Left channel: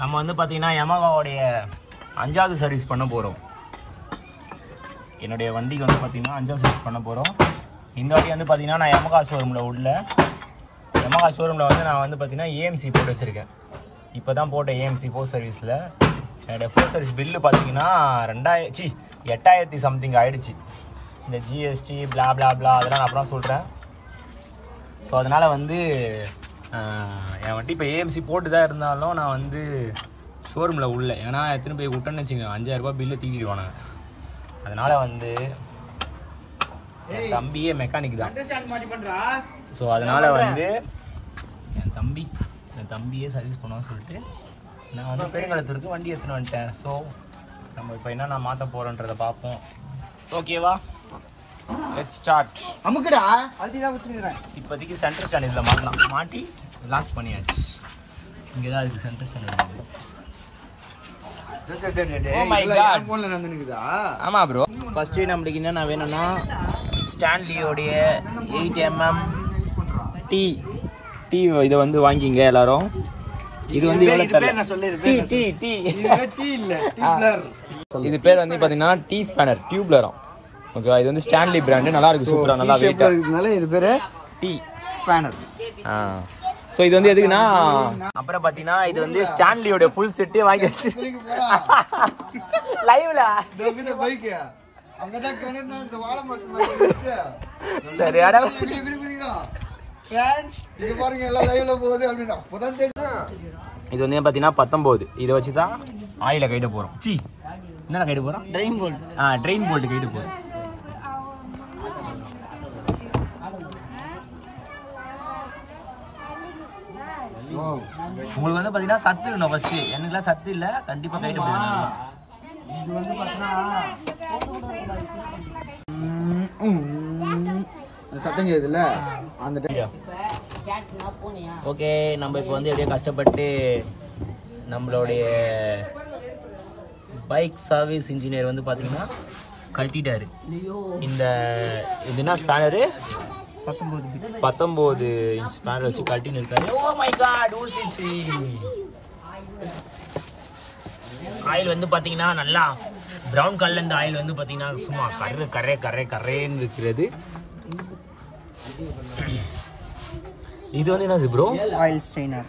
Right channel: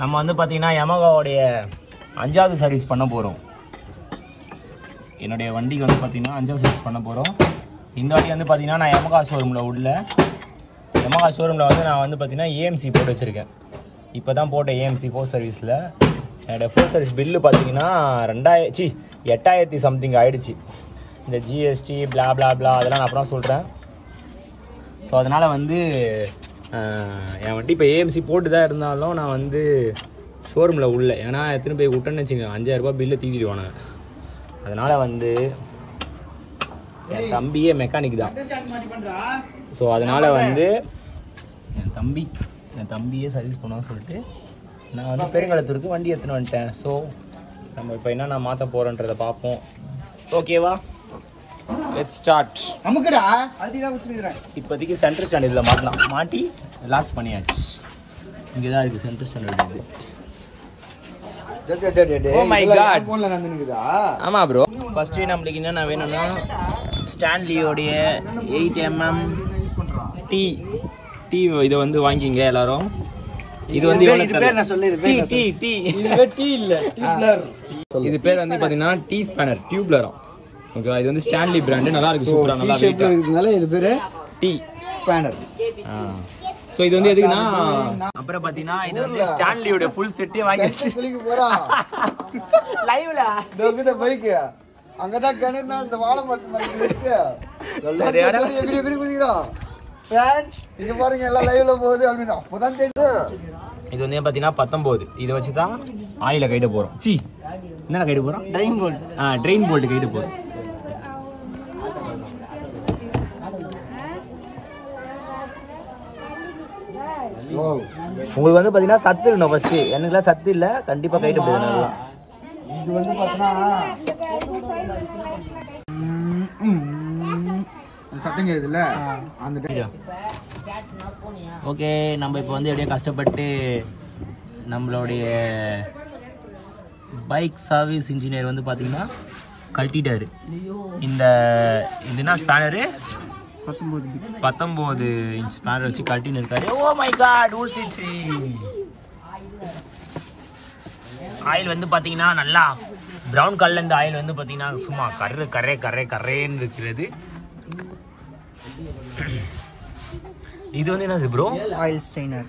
நம்ம வந்து பார்த்தீங்கன்னா யமகாவுடைய 5வது சர்வீஸ் பண்ண போகிறோம். என்னுடைய வண்டிக்கு வந்து பார்த்தீங்கன்னா 5வது சர்வீஸ் பண்ண போகிறோம். இந்த வண்டி வந்து பார்த்தீங்கன்னா நான் யமகா ஷோரூமில் உள்ள யமகா ஷோரூமில் வந்து நான் வந்து பார்த்தீங்கன்னா ஏஎம்சி போட்டு வச்சுருக்கேன். இப்போ தான் போட்ட ஏஎம்சி 4 சர்வீஸில் என்னோடய 4 சர்வீஸ் பில்லு பார்த்தீங்கன்னா 8,000 சம்திங் ஆகிடுச்சு. இந்த ஜிஎஸ்டி பிளா பிளா பிளா அதெல்லாம் நான் அப்புறம் சொல்கிறேன். ஸோ அதனால் வந்து என் வண்டி இப்போ ஏஎம்சி போட்டு தான் இருந்தாலும் நான் வந்து ஷோரூமில் உள்ள ஏன்னா எத்தனை போய் விட்டேன்னு வச்சுங்க 5,000 ரூபா பில்லு தீவிடுவானுங்க. அதனால் வந்து தம்பியே மெக்கானிக் தான். ஸோ அதனால் வந்து என் தம்பியே சர்வீஸ் பண்ணுவான்னு சொல்லிட்டு நான் வந்து பெருங்காலத்திற்கு வண்டி எடுத்துன்னு வந்துட்டேன். ஸோ நம்ம இப்போ என்ன நான் மாற்ற போகிறோன்றதை பார்ப்போம். ஓகேவா? Let's start. அமுக்குடா அல்டி தான் வச்சிருக்கேன். இப்போதைக்கு சென்டர் ஸ்டாண்ட் இதில் மாட்டலாம். மாட்டி லாக் பண்ணியாச்சு. இங்கே தான் இருக்குது சென்டர் ஸ்டாண்ட். ஆமா ப்ரோ. ஃபர்ஸ்ட் நம்மளுக்கு என்னென்ன வேணும்னா ஸ்டான்லியோடைய 8mm டீ இதை வந்து வாங்கிங்க எல்லாரும். இது வந்து இது பேர் வந்து பாத்தீங்கன்னா டீ ஸ்பேனர் டியூப்லரும். ஓகே, இது வந்து ஸ்டான்லி பிராண்ட். நல்லா இருக்கு, சூப்பரா நல்லா வெயிட்டா இருக்குனால இது பேரு டீ ஸ்பேனர். சோ இது வந்து எதுக்குன்னா அப்புறம் பாத்தீங்கன்னா இது வந்து ஸ்டான்லியோட ஃபுல் செட்டே வாங்கி லைவ்ல இந்த பைக் அங்கதான் கணேனா இந்த வாழ மாட்டேன் எகிரி குதிக்குறோம் ஃப்ரெண்ட்ஸ். இங்க பாருங்க எல்லாம் லைவ்ல போகுது அப்படினா அப்பதான் தெரியும். இது வந்து பாத்தீங்கன்னா 19. இத வச்சு தான் ஆயில கைட போறோம். என்ன கைட போறோம்? Trent Boult. ட்ரெயின் போல்ட் கைட போறோம். உங்களுக்கு வந்து பாத்தீங்கன்னா சத்து இல்ல. ஃபர்ஸ்ட் எனக்குலாம் சத்து இல்ல, கண்டிப்பா கைட்டு போடணும். இது வந்து பாத்தீங்கன்னா சத்தம் கேக்குதுல அந்த ஓகே. நம்ம இப்போ வந்து அப்படியே கஷ்டப்பட்டு நம்மளுடைய பைக் சர்வீஸ் இன்ஜினியர் வந்து பாத்தீங்கன்னா கழட்டிட்டாரு. இந்த இதுனா ஸ்பேனரு 19 இன்ச் ஸ்பேனர் வச்சு கழட்டின்னு இருக்காரு. ஓ மை காட், ஊத்திச்சு. ஆயில் வந்து பாத்தீங்கன்னா நல்லா பிரவுன் கலர்ல இந்த ஆயில் வந்து பாத்தீங்கன்னா சும்மா கர்ரேன்னு இருக்கிறது. இது வந்து என்னது ப்ரோ? Oil strainer.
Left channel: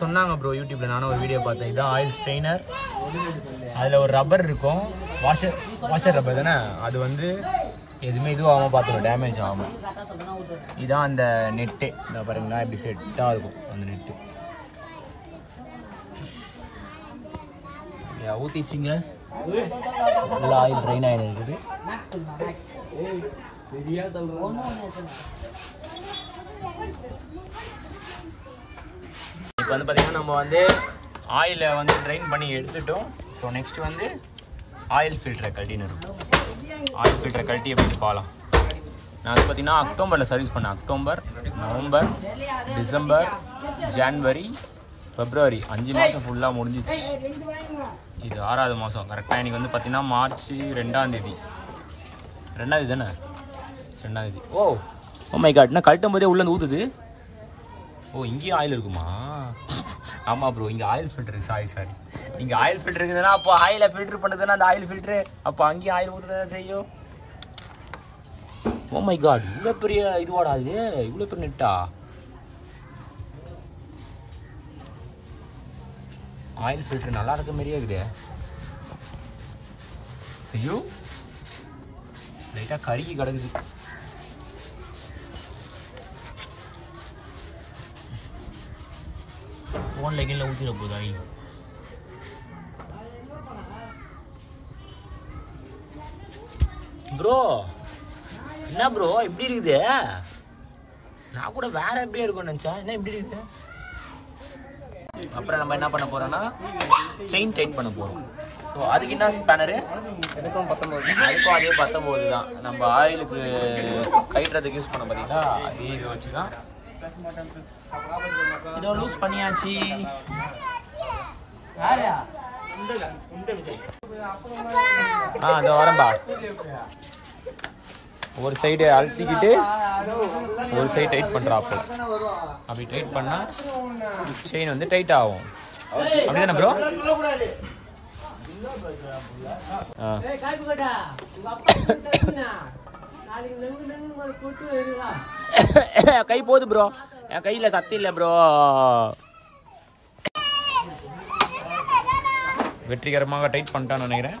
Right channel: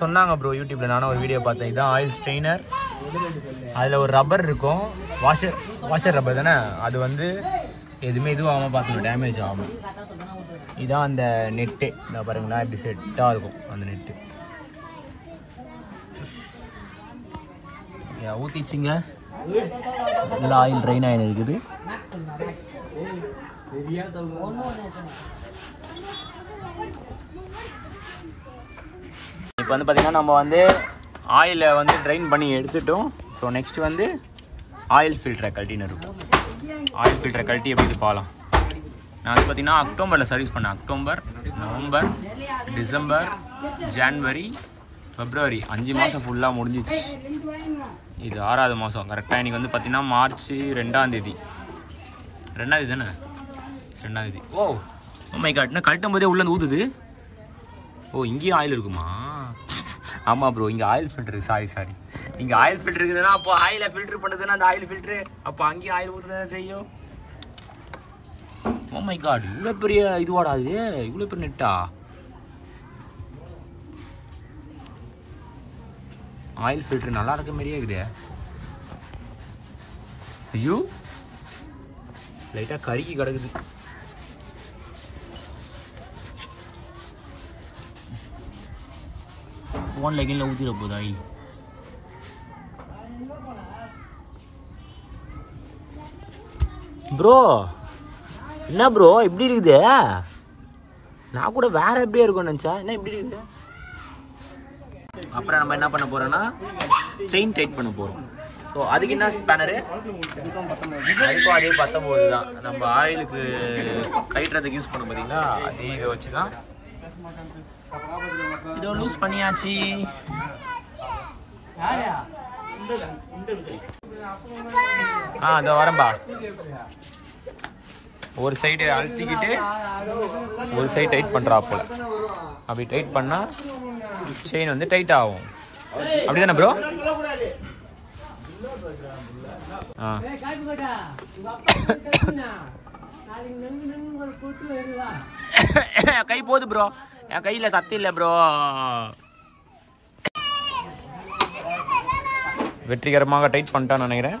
சொன்னாங்க ப்ரோ யூடியூப்ல, நானும் ஒரு வீடியோ பார்த்தேன். இதுதான் ஆயில் ஸ்ட்ரெயினர். அதுல ஒரு ரப்பர் இருக்கும், வாஷர் ரப்பர் தானே. அது வந்து எதுவுமே இதுவாகாம பார்த்துக்கணும், டேமேஜ் ஆகாம. இதுதான் அந்த நெட்டு. இந்த பாருங்களா இப்படி செட்டாக இருக்கும் அந்த நெட்டு. ஊற்றிச்சிங்க, நல்லா ஆயில் ட்ரைன் ஆகி இருக்குது. இப்போ வந்து பார்த்தீங்கன்னா நம்ம வந்து ஆயிலை வந்து ட்ரைன் பண்ணி எடுத்துட்டோம். ஸோ நெக்ஸ்ட் வந்து ஆயில் ஃபில்டரை கழட்டின்னு இருக்கும். ஆயில் ஃபில்டரை கழட்டி எப்படி பார்க்கலாம். நான் வந்து பார்த்தீங்கன்னா அக்டோபரில் சர்வீஸ் பண்ணேன். அக்டோபர், நவம்பர், டிசம்பர், ஜான்வரி, பிப்ரவரி 5 மாதம் ஃபுல்லாக முடிஞ்சிச்சு. இது 6வது மாதம் கரெக்டாக. இன்றைக்கி வந்து பார்த்தீங்கன்னா மார்ச் 2ஆம் தேதி. 2ஆம் தேதி தானே? 2ஆம் தேதி. ஓ மை காட், என்ன கழட்டும் போதே உள்ளே ஊற்றுது. ஓ இங்கேயும் ஆயில் இருக்குமா? ஆமாம் ப்ரோ, இங்கே ஆயில் ஃபில்டர். சாரி இங்கே ஆயில் ஃபில்டர் இருக்குதுன்னா அப்போ ஆயிலை ஃபில்டர் பண்ணுதுன்னா அந்த ஆயில் ஃபில்டரு அப்போ அங்கேயும் ஆயில் ஊற்றுதான் செய்யும். ஓ மை காட், இவ்வளோ பெரிய இதுவாடா அது, இவ்வளோ பெரிய நெட்டா. ஆயில் ஃபில்டர் நல்லா இருக்க மாதிரியே இருக்குது. ஐயோ லைட்டாக கருகி கிடக்குது. ஃபோன் லெகின்ல ஊற்றிட போகுது ஆயில். ப்ரோ என்ன ப்ரோ எப்படி இருக்குது? நான் கூட வேற எப்படியே இருக்கும்னு நினச்சேன். என்ன எப்படி இருக்குது? அப்புறம் நம்ம என்ன பண்ண போறோம்னா செயின் டைட் பண்ண போறோம். ஸோ அதுக்கு என்ன ஸ்பேனரு? அதுக்கும் அதே 19 தான். நம்ம ஆயிலுக்கு கயிட்டுறதுக்கு யூஸ் பண்ண பார்த்தீங்களா, அதே இதை வச்சு தான் இதோ லூஸ் பண்ணியாச்சு. அதோ வரம்பா. ஒரு சைடு அழுத்திக்கிட்டு ஒரு சைடு டைட் பண்ணுறா போல. அப்படி டைட் பண்ணால் செயின் வந்து டைட் ஆகும். அப்படிதானே ப்ரோ? கை போகுது ப்ரோ, என் கையில சத்தி இல்ல ப்ரோ. வெற்றிகரமாக டைட் பண்ணிட்டான்னு நினைக்கிறேன்.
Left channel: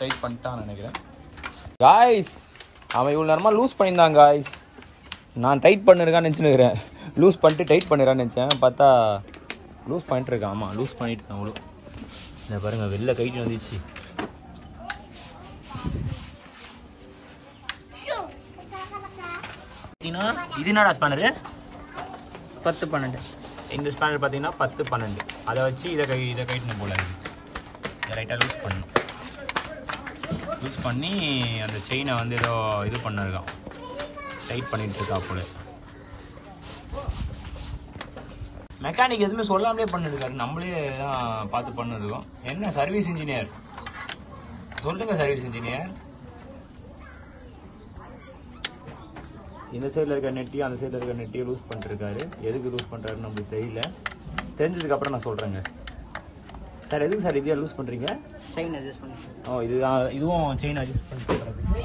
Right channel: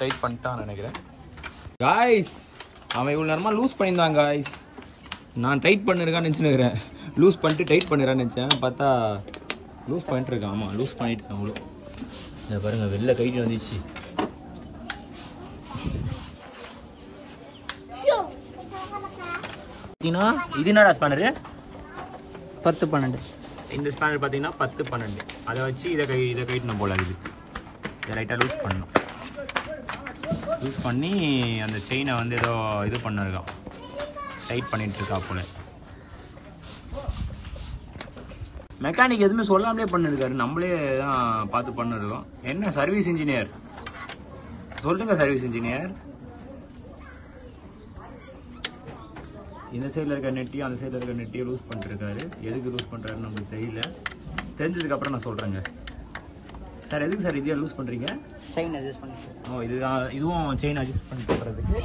டைட் பண்ணிட்டான்னு நினைக்கிறேன். காய்ஸ், அவன் இவ்வளோ நேரமாக லூஸ் பண்ணியிருந்தான் காய்ஸ். நான் டைட் பண்ணிருக்கான்னு நினச்சினுக்கிறேன். லூஸ் பண்ணிட்டு டைட் பண்ணிடுறான்னு நினச்சேன். பார்த்தா லூஸ் பண்ணிட்டு இருக்கான். ஆமாம், லூஸ் பண்ணிட்டு இருக்கான். அவ்வளோ இந்த பாருங்க, வெளில கைட்டு வந்துச்சு. இது என்னடா ஸ்பேனரு? 10-12. இந்த ஸ்பேனர் பார்த்தீங்கன்னா 10-12. அதை வச்சு இதை கைட்டணும் போல. இதை லைட்டாக லூஸ் பண்ணணும். லூஸ் பண்ணி அந்த செயினை வந்து ஏதோ இது பண்ணிருக்கான், டைட் பண்ணிட்டு இருக்கா போல. மெக்கானிக் எதுவுமே சொல்லாமலே பண்ணிருக்காரு, நம்மளே தான் பார்த்து பண்ணிருக்கோம். என்ன சர்வீஸ் இன்ஜினியர் சொல்லுங்க, சர்வீஸ் இன்ஜினியர். இந்த சைடில் இருக்க நெட்டி அந்த சைடில் இருக்க நெட்டியை லூஸ் பண்ணிருக்காரு. எதுக்கு லூஸ் பண்ணுறாருன்னு நம்மளுக்கு தெரியல. தெரிஞ்சதுக்கப்புறம் நான் சொல்கிறேங்க. சார் எதுக்கு சார் இதையா லூஸ் பண்ணுறீங்க? செயின் அட்ஜஸ்ட் பண்ணி. ஓ, இதுவும் செயின் அட்ஜஸ்ட் பண்ணி பண்ணுறதுக்கு.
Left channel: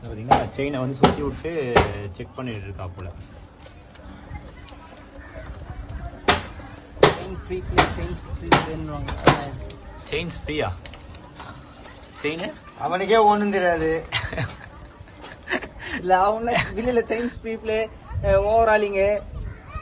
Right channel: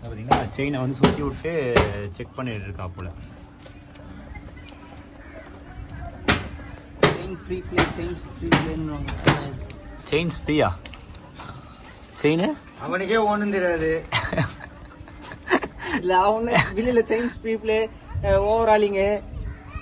பார்த்தீங்கன்னா செயினை வந்து சுற்றி விட்டு செக் பண்ணிட்டு இருக்கா போல. செயின் ஃப்ரீயா? செயின் அவனுக்கே ஒண்ணும் தெரியாது. இல்ல அவன வெளியில செயின் ஸ்பீட்ல ஓவராலிங்,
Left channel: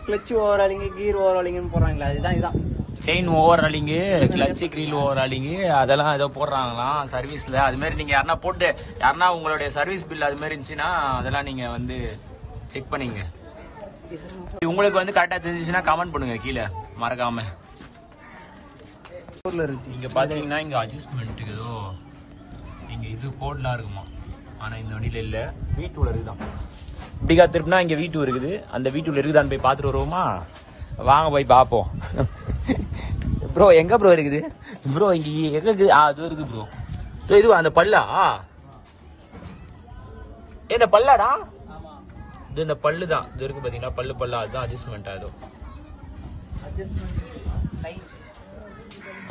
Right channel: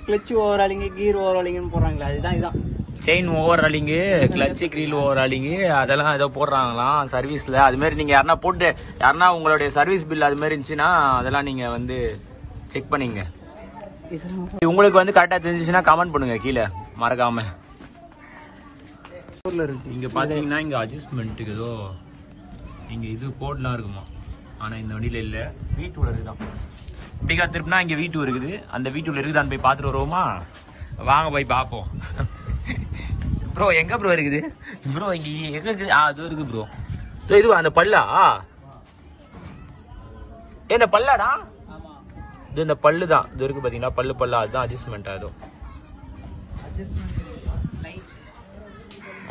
கிளட்ச் ஓவராலிங், கீர் ஓவராலிங்னு போறாங்களா? இதுதான் செயின் ஓவர் ராலிங்கு, கிளட்ச் கிரீல் ஓவர் ராலிங்கு, அதெல்லாம் ஏதோ போடுறாங்களாம் சர்வீஸ்ல. அது மாதிரி நீங்க யாருன்னா உங்களுடைய சர்வீஸ் பில் அது மாதிரி இருந்துச்சுன்னா அதெல்லாம் நீங்க வந்து செக் பண்ணீங்க. உங்களுக்கு வந்து கரெக்டா தெரிஞ்சிச்சுன்னா கமெண்ட் பண்ணுங்க கீழே மறக்காம. இங்க பாத்தீங்கன்னா இங்க அட்ஜஸ்ட்மெண்ட்டுக்கு ஏதோ இங்க இது போர்ட்லாம் இருக்குமா, ஆனா இந்த வண்டியில இல்ல. V2 இருக்குதான். இப்படிக்கா திருப்பினா இங்க V2 இருக்குது. அந்த V2 இருக்குதான்னு போய் பாத்துட்டு வருவோமா? வாங்க போய் பாப்போம். ப்ரோ எங்க ப்ரோ இருக்குது ப்ரோ? இங்க எங்க இருக்குது? அது இருக்கு ப்ரோ. இது அந்த பல்லா? என்ன பல்லாடா? இது இந்த பல்லு தான். இது இருக்கு பாத்தீங்களா, பல்லா. அதுதான் அட்ஜஸ்ட்மெண்ட். அதோ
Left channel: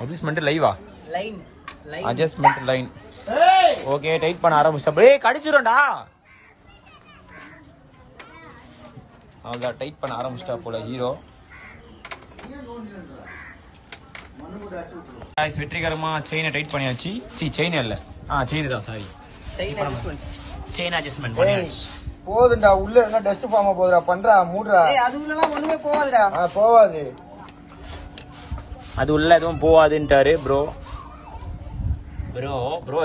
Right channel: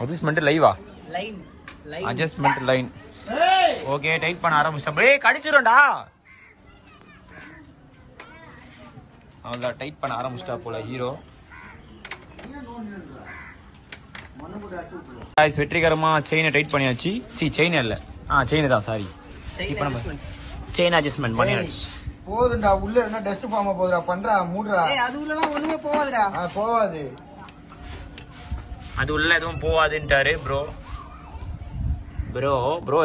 அட்ஜஸ்ட்மெண்ட் லைவா? Adjustment line. ஓகே, டைட் பண்ண ஆரம்பிச்சா கடிச்சிரும்டா. அவ்வளவுதான், டைட் பண்ண ஆரம்பிச்சிட்டா போல ஹீரோ. வெற்றிகரமா செயினை டைட் பண்ணியாச்சு. செயின் இல்ல, செயின் தான், சாரி. இப்போ நம்ம செயின் அட்ஜஸ்ட்மெண்ட் பண்ணியாச்சு. போதுண்டா, உள்ள என்ன டஸ்ட் ஃபார்ம் போகுதுடா, பண்றா மூடுடா. அது உள்ள ஒண்ணுமே போவாதுடா. போவாது, அது உள்ள எதுவும் போவாதுன்ட்டாரு ப்ரோ.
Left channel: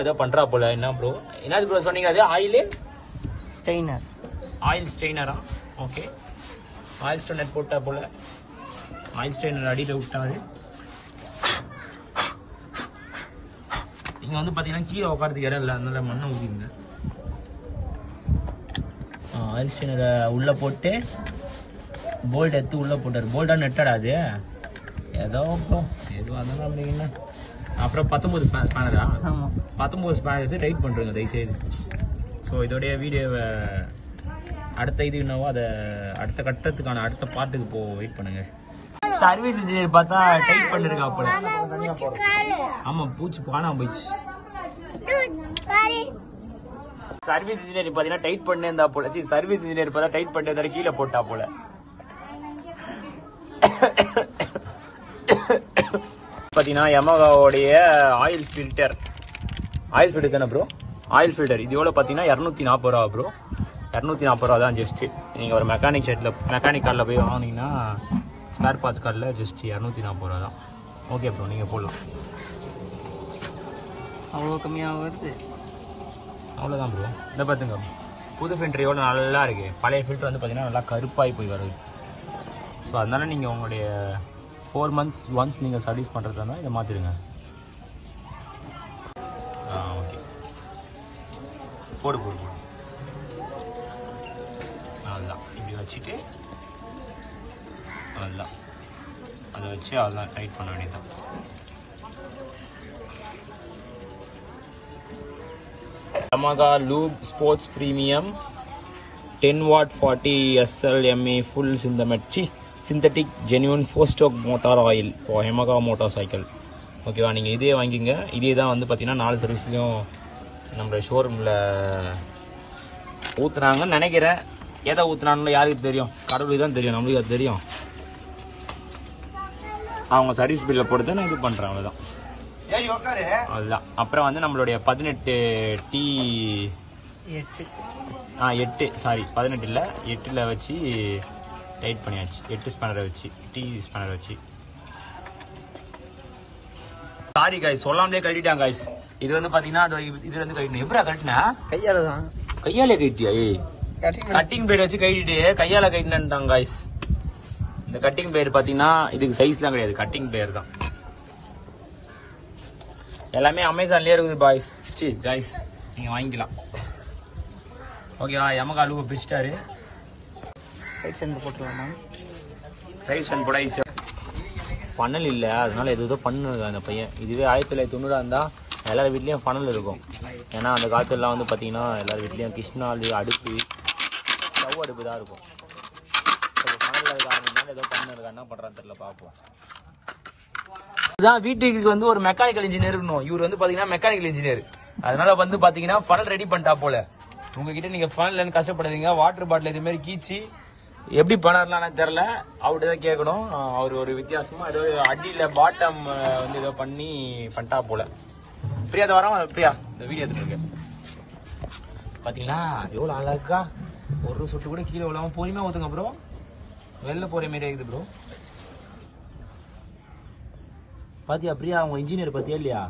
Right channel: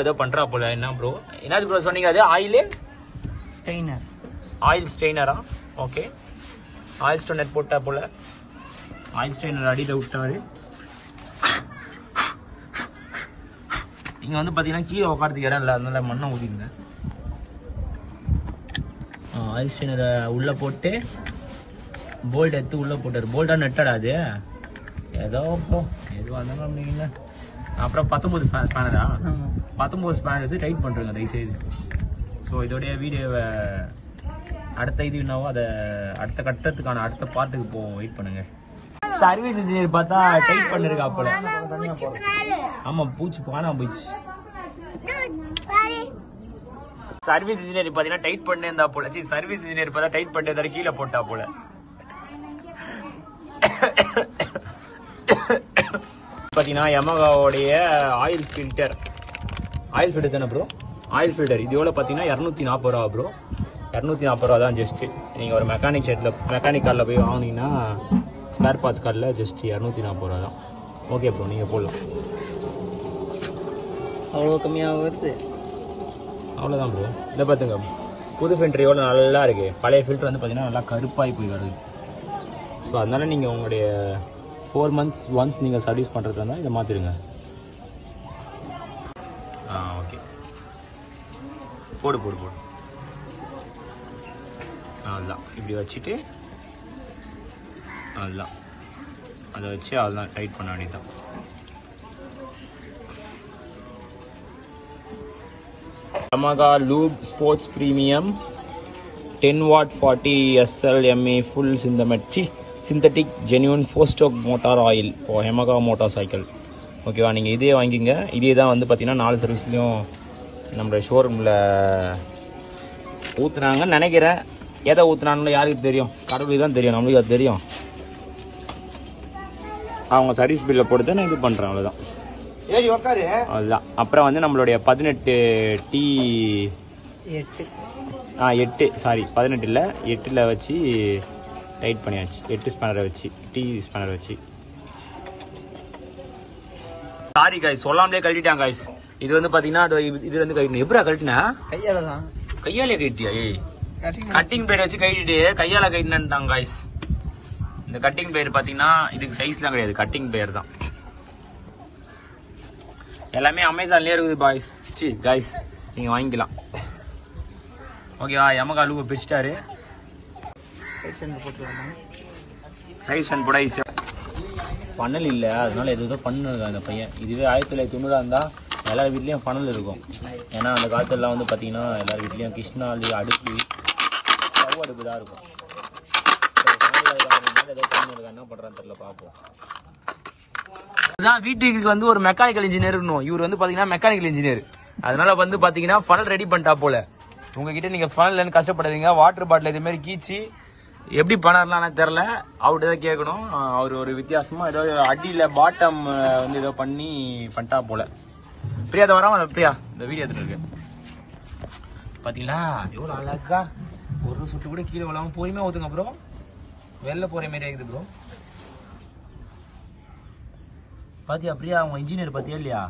ஏதோ பண்றா போல. என்ன ப்ரோ, என்னது ப்ரோ சொன்னீங்க? அது ஆயில் ஸ்ட்ரெயினரா? ஓகே, ஆயில் ஸ்ட்ரெயினர் போட்டா போல. ஆயில் ஸ்ட்ரெயினர் அடியில விட்டாரு. இங்க வந்து பாத்தீங்கன்னா கீழே உட்காரத்துக்கு இடம் இல்லை, அதனால மண்ணை ஊதிங்க. ஆயில் ஸ்ட்ரெயினரை உள்ள போட்டு போல்ட் எடுத்து உள்ள போட்டாரு. போல்டா நெட்டடா அது ஏதோ ப்ரோ, எதுவும் அதெல்லாம் அப்படின்னா. அப்புறம் 19 ஸ்பேனரா? 19 ஸ்பேனர் எடுத்து டைட் பண்றீங்க தயவு செய்து. ஸோ இதோடைய வீடியோவை அடுத்த இது என்னவோ அதை அடுத்த கட்டத்துக்கான அடுத்த பார்ட்டுக்கு வெயிட் பண்ணுங்க. சர்வீஸ் இன்ஜினியர் பார்த்தா டைட் பண்ணிருக்கா போல. ஆமா, பூச்சி காணாம போயிடுச்சு. சர்வீஸ் இன்ஜினியர் பாத்தீங்கன்னா டைட் பண்ணே இருந்தா போல. சர்வீஸ் இன்ஜினியர் பார்த்தா டைட் பண்ணி கீழே போட்டா போல. பாத்தீங்கன்னா யமஹாவோடைய ஆயில் ஃபில்டர் தானே ப்ரோ? ஆயில் ஃபில்டர் இது எவ்வளோ பார்த்தீங்கன்னா 240 ரூபா ப்ரோ. 240 ரூபா தான் ஜஸ்ட். நீங்கள் ஒரு மெக்கானிக் கார்டில் போய் வாங்கினீங்கன்னா ஸ்பேர் பார்ட்ஸ் கார்டில் ஜஸ்ட் 240 ரூபா தான். ஓகே ப்ரோ, நீங்கள் போடலாம். அவ்வளோ கம்மியாக வருது. அவ்வளோதான் ப்ரோ. இதை பார்த்துங்க, புது ஃபில்டர் எவ்வளோ நல்லா இருக்கு. பழைய ஃபில்டர் வந்து பார்த்தீங்கன்னா நல்லா கருப்பாகி போய் வருது. ஸோ அதனால நீங்கள் உங்களுடைய 4 months ஒன்ஸ் நீங்கள் சர்வீஸ் பண்ணுறதா இருந்தால் இதை மாற்றிடுங்க. ஓகே, போடு. அதுதான் இப்படி வச்சுட்டு அதுதான் அதை வச்சு அதெல்லாம் டைட் பண்ண வேண்டியதுதான். Yamaha Lube Sports Premium 10 watt 40 SL MA full synthetic genuine 4-stroke motor oil for Yamaha motorcycle. ஓகேவா, நீங்கள் இதே வாங்கிங்க. இதே தான் வந்து பார்த்தீங்கன்னா 4 சர்வீஸ்லையும் நம்ம ஷோரூமில் ஊற்றுனாங்கன்னு நினைக்கிறேன். எதை ஊற்றுனான்னு யாருக்கு தெரியும்? கடவுளுக்கு தான் தெரியும், நம்மளுக்கு அது தெரியும். அவங்க சர்வீஸ் பில்லை பொறுத்து நான் இது பண்ணுறேன், அவ்வளோதான். அதுதான். அப்புறம் வந்து நம்மளுடைய 18 இல்லை 8ல் வச்சு டைட் பண்ணியாச்சு. 8 ஸ்பேனரை வச்சு, ஸ்பேனர் வச்சு. சாரி காய்ஸ், சொல்லாமலே கழட்டிட்டாங்க காய்ஸ். இது வந்து பாத்தீங்கன்னா இது வந்து கழட்டணும். எப்படா கழட்டினா? கையாலே கழட்டியா? கட்டிங் பிளேட் வச்சு கழட்டிட்டு கையால கழட்டினாங்க காய்ஸ். இந்த கட்டிங் பிளேட் பாத்தீங்கன்னா இதுக்கு சைஸ்லாம் கிடையாது, கட்டிங் பிளேட் தான். எல்லாமே அமேசான்லயே இருக்குது பாய்ஸ். காய்ஸ் நீங்க வாங்கிக்கலாம். ஓகேவா, Yamaha லூப் பிடிச்சிட்டாரு. சைஸ் அண்ட் போட ஈஸியா பணல் இல்லை, அதனால எதோ பண்ணுது அந்த பையன். இதுவே 1990 இருந்தா எல்லார் வீட்லயும் பணல் இருக்கும். ஏன்னா அந்த காலத்துலாம் வந்து பாத்தீங்கன்னா எல்லார் வீட்லயும் கிருஷ்ணாலு அடுப்பு, ஸ்டவ் அடுப்பு தான் இருக்கும். ஏதோ பண்ணல, என்ன பண்றான்னு தெரியல, பார்ப்போம். இதுதான் வீட்டுக்கு வந்து ஒரு மெக்கானிக்கல் இன்ஜினியர் இருக்கணும். இவர் வந்து பாத்தீங்கன்னா மெக்கானிக்கல் இன்ஜினியர். அதனால வந்து பாத்தீங்கன்னா ஃபனல் ரெடி பண்ணிட்டா போல. உங்ககிட்ட நீங்க ஃபனல் கஷ்டப்படாதீங்க. வாட்டர் பாட்டில் இது மாதிரி கீச்சு எப்படி பண்ணலாம் தெரியல, அவர்கிட்ட தான் கேட்கணும். அவர் ஒரு வித்தியாசமா ஏதோ அடியில பாட்டம் வந்து ஏதோ பண்ணிட்டா போல. பிரியா அதை வராம, பிரியா இந்த வீடியோ எடுத்துட்டு இருக்கு பாத்தீங்களா, எவ்வளவு அழகா ஒரு சொட்டு கூட கீழே விழாம பொறுமையா ஊத்துங்க ப்ரோ. வெளில போற மாதிரி ஆகுது ப்ரோ. பாத்தியா பிரியா, அவங்க இன்ஜினியர் பாத்தியா இல்லையா?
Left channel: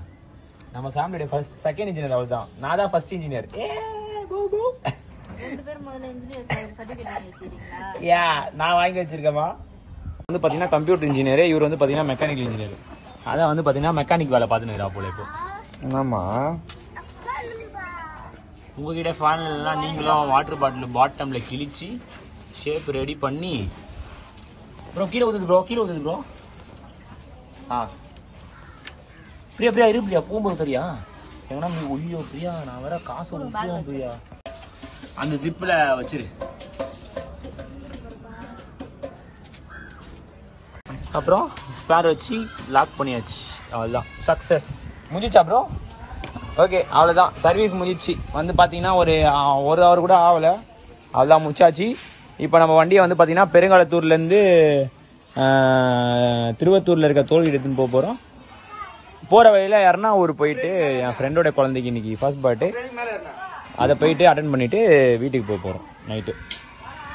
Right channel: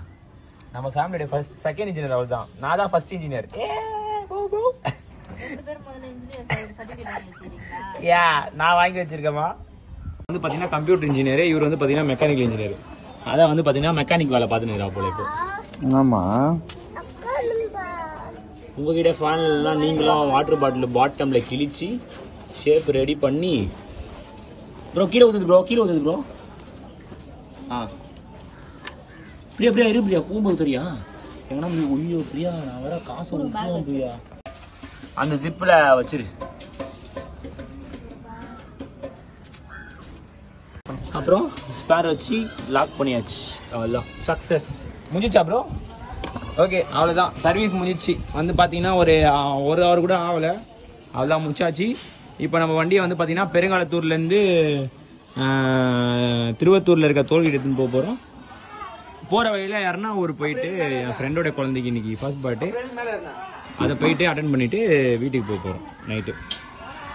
நம்ம ஃபேமிலியோட செகண்ட் இன்ஜினியர் அவர் தான். நான் தான் ஃபர்ஸ்ட் இன்ஜினியர். நான் வாங்கி வச்சிருக்கேமா. வந்து பாத்தீங்கன்னா கம்ப்யூட்டர் இன்ஜினியர், இவர் வந்து பாத்தீங்கன்னா மெக்கானிக்கல் இன்ஜினியர். அதான் வந்து பாத்தீங்கன்னா மெக்கானிக் வேலை பார்த்துன்னு போல. இப்போ ஆமா, உங்ககிட்ட ஃபேன்ல நீங்களும் வாட்டர் பாட்டில் பாட்டம்ல கிழிச்சு ஷேப் ரெடி பண்ணி ப்ரோ கீழே ஊத்துது ப்ரோ. பிரியா இரு பிரியா, போகும்போது தெரியா எங்கன்னா ஐயோ பிரியா, நான் வர காசு ஊற்றுவோம் பிரியா. அந்த ஜிப்ல வச்சிரு. அப்புறம் ஸ்பேர் வச்சு லாக் பண்ணியாச்சு. அவ்வளவுதான், சக்சஸ். முடிஞ்சிச்சா ப்ரோ? ஓகே, அவ்வளவுதான், சர்வீஸ் முடிச்சு. வந்து பாத்தீங்கன்னா ஒரு ஹவர் கூட ஆகல, அவ்வளவுதான் முடிச்சாச்சு. இப்போ நம்ம வண்டியை வந்து பாத்தீங்கன்னா பெருங்காலத்தூர்ல இருந்து திருவத்தூர்ல இருக்க தோல்கேட் எடுத்துன்னு போக போறோம். போற வழியில யாருன்னா ஊர் போயிட்டு என் ஃப்ரெண்டோட குழந்தைக்கு இன்னைக்கு ஃபர்ஸ்ட் பர்த்டே, அதை போயிட்டு அட்டென்ட் பண்ணிட்டு வீட்டுக்கு போக போறோம்.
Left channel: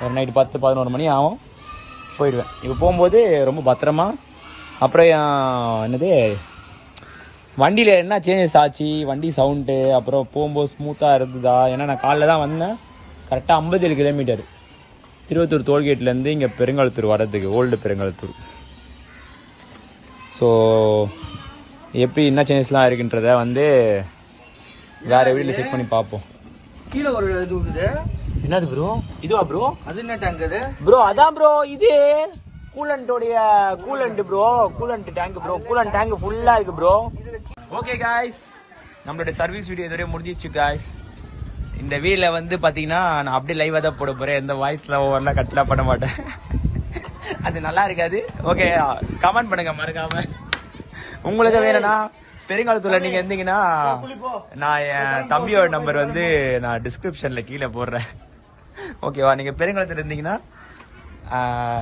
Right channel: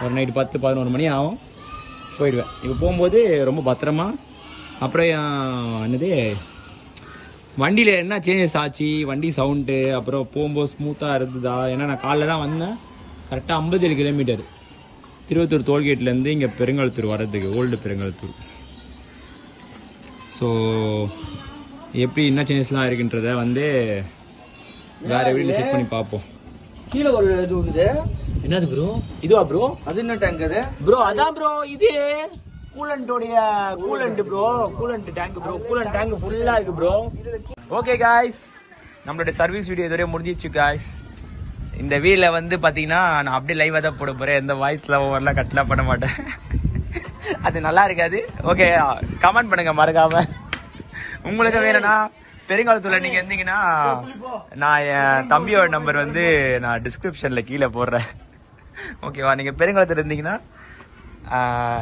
ஒரு நைட்டு 10-11 மணி ஆகும், போயிடுவேன். இப்போ போகும்போது ரொம்ப பத்திரமா. அப்புறம் என்னது வண்டியில என்ன சேஞ்சஸ் ஆச்சு, வண்டி சவுண்டு, அப்புறம் போகும்போது ஸ்மூத்தா இருந்ததா? ஏன்னா நான் காலைல தான் வந்தேன். கரெக்டா 57 கிலோமீட்டர் திருவத்தூர் டோல்கேட்ல இருந்து இங்க பெருங்காலத்தூர் வர்றதுக்கு, ஓல்டு பெருங்காலத்தூர். ஸோ எப்படி என்ன சேஞ்சஸ்லாம் இருக்குன்றத வந்து வேற வீடியோல செக் பண்ணி பார்ப்போம். கீழே ஒரு இது இருக்குது. என்னது ப்ரோ? இதுவா ப்ரோ? அது என்ன டேங்கர் ப்ரோ? அதான் ப்ரோ, இது கூலண்டோடைய coolant bro, coolant tank bro. Coolant tank ஃபுல்லா இருக்கு ப்ரோ. ஓகே காய்ஸ், நம்மளோட சர்வீஸ் வீடியோ இதுவரை முடிஞ்சிச்சு காய்ஸ். இந்த வீல வந்து பாத்தீங்கன்னா நான் அப்படியே லைவா தான் போட போறேன். எந்த வாய்ஸ்ல ஓவர்லாம் கட்லாம் பண்ண மாட்டேன். அது நல்லா இருக்காது. ஓகே, கமெண்ட் பண்ணுங்க மறக்காம. உங்களுக்கு வேணும்னா பெருங்காலத்தூர்ல நீங்க இருந்தீங்கன்னா நான் என் தம்பியோட நம்பர் வந்து நான் டிஸ்கிரிப்ஷன்ல கீழே போடுறேன். ஓகேவா? நீங்க பெருங்காலத்துல இருந்தீங்கன்னா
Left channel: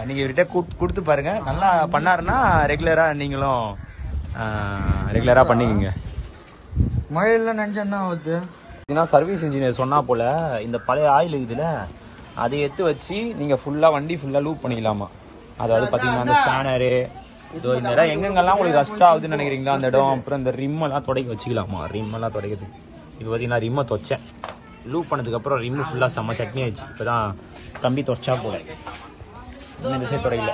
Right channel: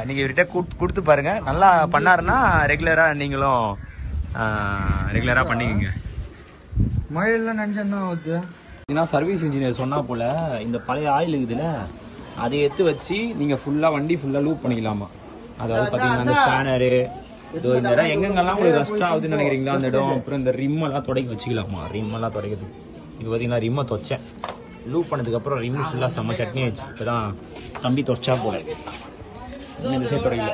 நீங்க இவர்கிட்ட கொடுத்து பாருங்க. நல்லா பண்ணாருன்னா ரெகுலரா நீங்களும் ரெகுலரா பண்ணிக்கங்க. மழையில நினைச்சா வருது. சர்வீஸ் இன்ஜினியர் சொன்னா போல இந்த பழைய ஆயில் இருக்குதுல, அதை எடுத்து வச்சு நீங்க ஃபுல்லா வண்டி ஃபுல்லா லூப் பண்ணிக்கலாமா. அதாவது பாத்தீங்கன்னா இந்த ஸ்பேனரு இந்த இடம் எங்கெங்கெல்லாம் உங்களுக்கு கஷ்டம் ஆகுதுன்னு நினைக்கிறீங்களா அந்த இடம். அப்புறம் இந்த ரிம் எல்லாம் தொடக்க வச்சுக்கலாமா. ரிம் எல்லாம் தொடக்கிறது. இது பாத்தீங்கன்னா ரிம்மை தொச்சேன். லூப் பண்ணதுக்கு அப்புறம் ரிம்மு ஃபுல்லா செம்ம சட்னி ஆயிடுச்சு. இப்பதான் தம்பி தொச்சா போல. தொடங்கல.